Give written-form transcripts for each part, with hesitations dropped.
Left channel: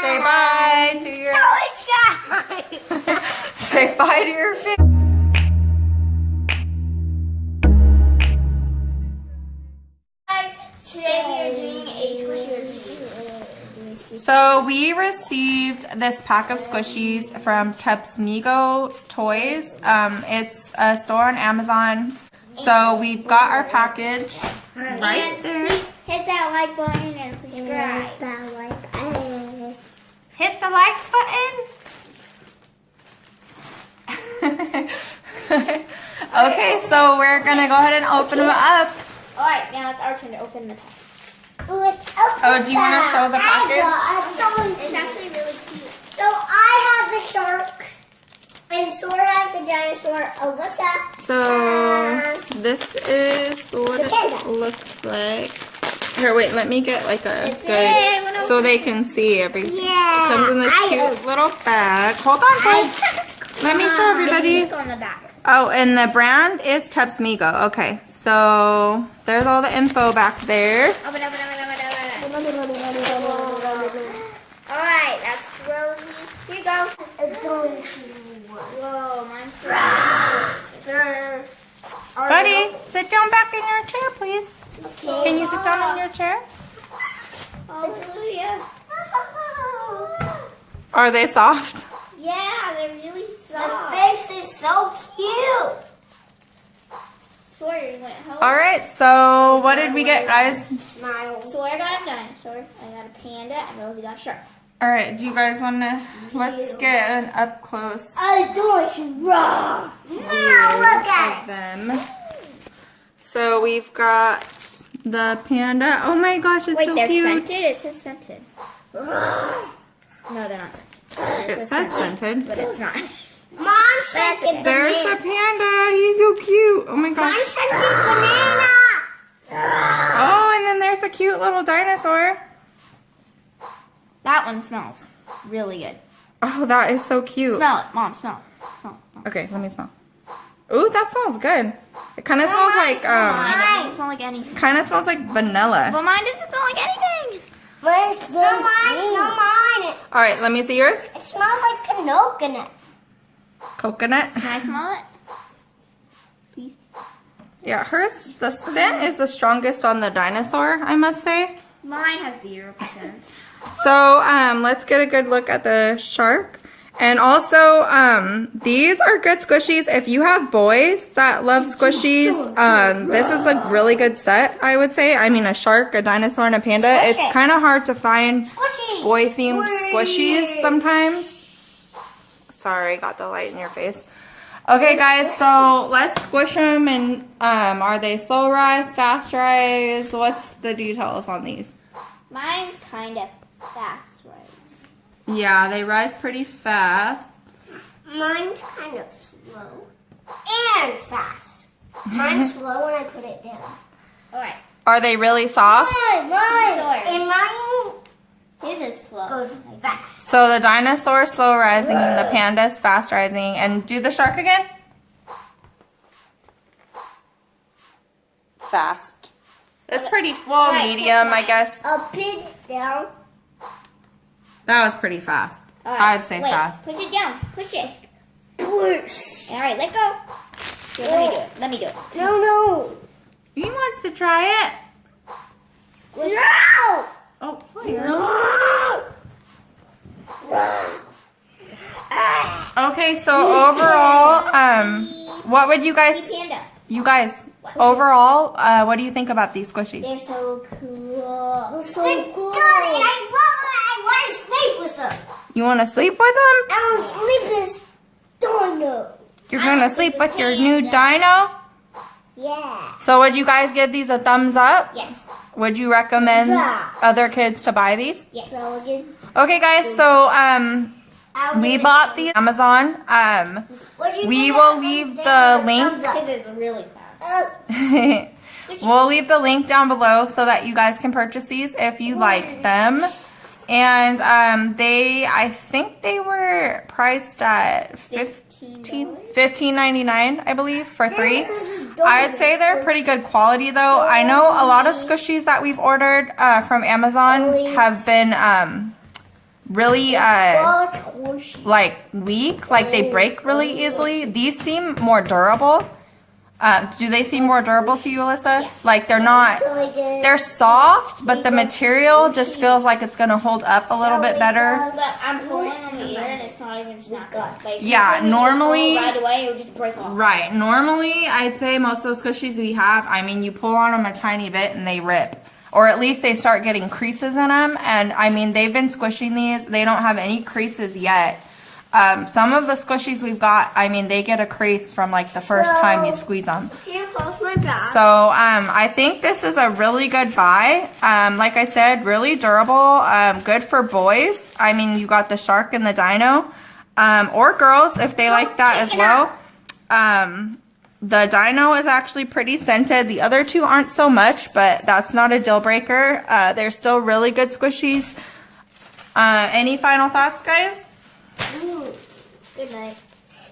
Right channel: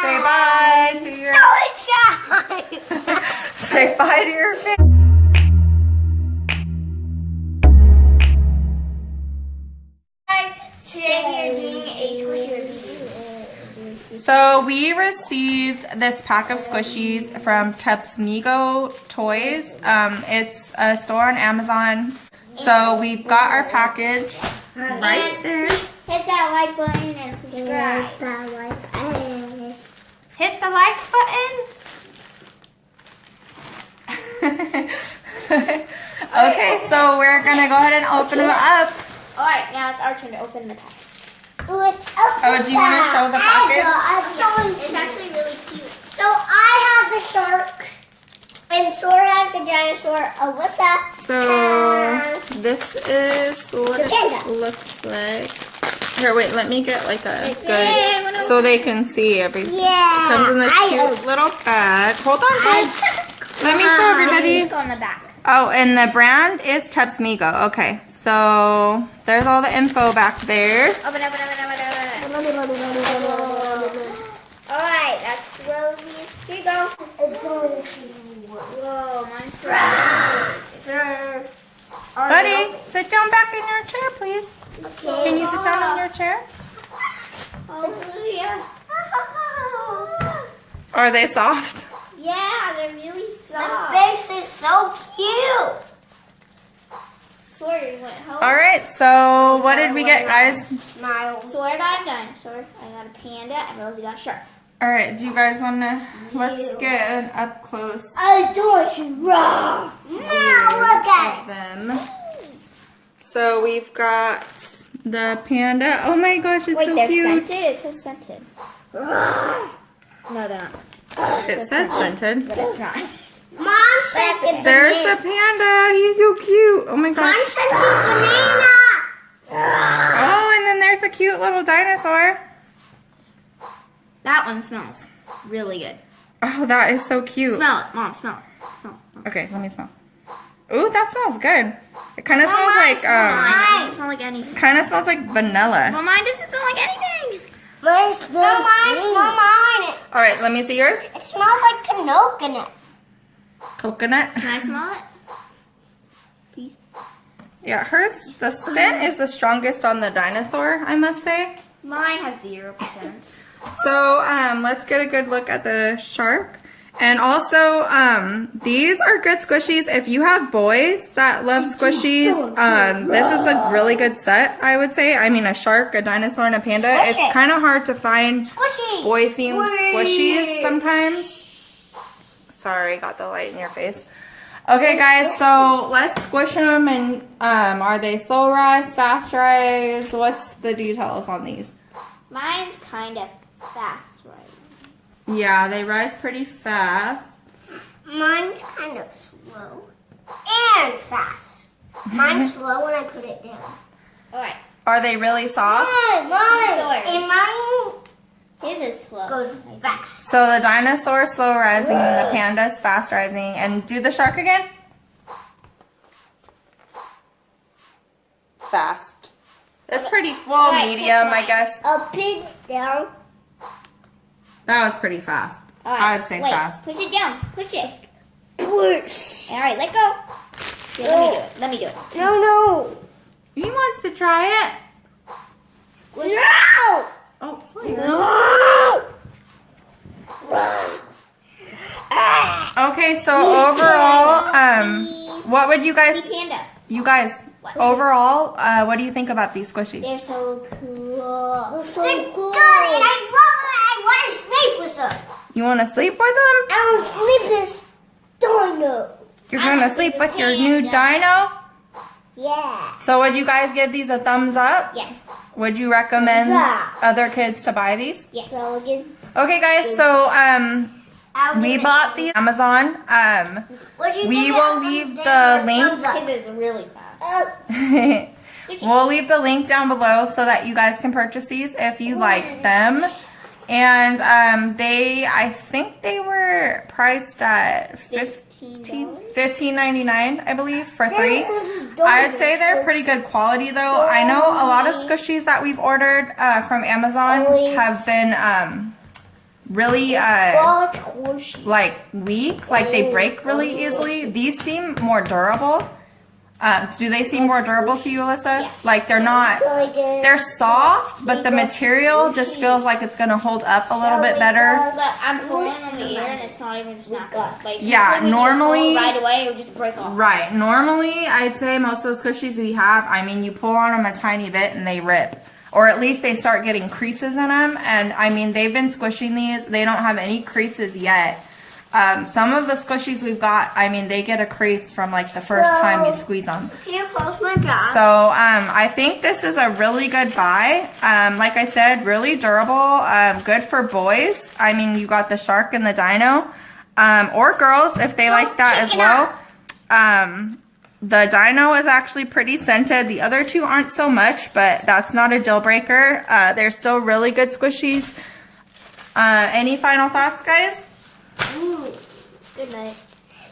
Say bye to your... No, it's not. Say bye to your family. Guys, today we are doing a squishy review. So we received this pack of squishies from Tepsmigo Toys. It's a store on Amazon. So we've got our package right there. Hit that like button and subscribe. Hit the like button. Okay, so we're gonna go ahead and open them up. Alright, now it's our turn to open the package. Oh, do you want to show the package? It's actually really cute. So I have the shark, and Sora has the dinosaur. Alyssa So has this is what the panda. it looks like. Here, wait, let me get like a Okay, good, so they can see everything. Yeah, It comes in this cute little bag. Hold on, guys. Let me show everybody. On the back. Oh, and the brand is Tepsmigo. Okay, so there's all the info back there. Alright, that's Rosie's. Here you go. Whoa, mine's Buddy, sit down back in your chair, please. Can you sit down in your chair? Hallelujah. Are they soft? Yeah, they're really soft. The face is so cute. Sawyer went home. All right, so what did we get, guys? Sawyer got a dinosaur, I got a panda, and Rosie got a shark. All right, do you guys want to, let's get an up close I don't raw. Now look at them. So we've got the panda. Oh my gosh, it's so they're cute. scented? It says scented. No, they're not scented. It said scented. But it's not. Mom scented There's the panda. He's so cute. Oh my gosh. Mom scented banana. Oh, and then there's the cute little dinosaur. That one smells really good. Oh, that is so cute. Smell it, Mom. Smell it. Okay, let me smell. Ooh, that smells good. It kind of smells like It doesn't smell like anything. kind of smells like vanilla. Well, mine doesn't smell like anything. Smell mine. All right, let me see yours. It smells like coconut. Coconut. Can I smell it? Please. Yeah, hers, the scent is the strongest on the dinosaur, I must say. Mine has 0%. So, let's get a good look at the shark. And also, these are good squishies. If you have boys that love squishies, this is a really good set, I would say. I mean, a shark, a dinosaur, and a panda. Squish It's it. kind of hard to find boy-themed squishies sometimes. Sorry, got the light in your face. Okay, guys, so let's squish them. And are they slow rise, fast rise? What's the details on these? Mine's kind of fast, right? Yeah, they rise pretty fast. Mine's kind of slow and fast. Mine's slow when I put it down. Alright. Are they really soft? Mine. And mine, his is slow. Goes fast. So the dinosaur is slow rising and the panda is fast rising. And do the shark again. Fast. That's pretty well, medium, I guess. I'll put it down. That was pretty fast. I'd say fast. Push it down. Push it. Push. Alright, let go. Here, let me do it. No. He wants to try it. No. Oh, Sawyer. Okay, so overall, what would you guys, overall, what do you think about these squishies? They're so cool. So cool. And I want to sleep with them. You want to sleep with them? I want to sleep with Dino. You're going to sleep with your new dino? Yeah. So would you guys give these a thumbs up? Yes. Would you recommend other kids to buy these? Yes. Okay, guys, so we bought these on Amazon. We will leave the link. This is really fast. We'll leave the link down below so that you guys can purchase these if you like them. And I think they were priced at $15.99, I believe, for 3. I would say they're pretty good quality though. I know a lot of squishies that we've ordered from Amazon have been really Squishy. like weak, like they break really easily. These seem more durable. Do they seem more durable to you, Alyssa? Yeah. Like they're not, they're soft, but the material just feels like it's gonna hold up a little bit better. Look, I'm pulling on the ear and it's not even snapping. Like, Yeah, usually when you normally- pull right away, it would just break off. Right. Normally, I'd say most of those squishies we have, I mean, you pull on them a tiny bit and they rip. Or at least they start getting creases in them. And I mean, they've been squishing these. They don't have any creases yet. Some of the squishies we've got, I mean, they get a crease from like the first time you squeeze them. Can you close my bag? So I think this is a really good buy. Like I said, really durable, good for boys. I mean, you got the shark and the dino, or girls if they like that as well. The dino is actually pretty scented. The other two aren't so much, but that's not a deal breaker. They're still really good squishies. Any final thoughts, guys? Good night.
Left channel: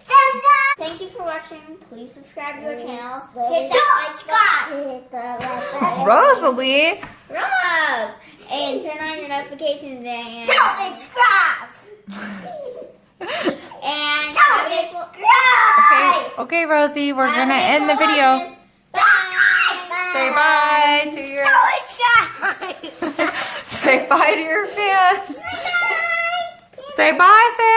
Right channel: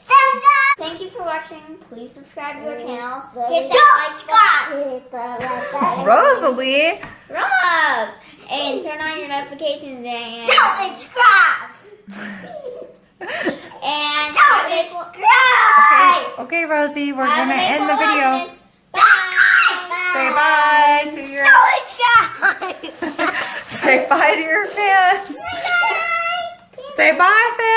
Thumbs up. Thank you for watching. Please subscribe to our channel. Hit that like button. Rosalie. Rose! And turn on your notifications and... Don't subscribe. And... Don't subscribe. Okay, Rosie, we're gonna end the video. Bye. Say bye to your Don't subscribe. say bye to your fans. Say bye, fans.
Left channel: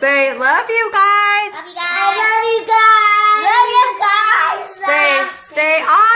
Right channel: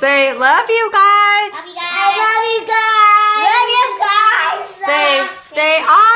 Say love you guys. Love you guys. Love you guys. Stay on.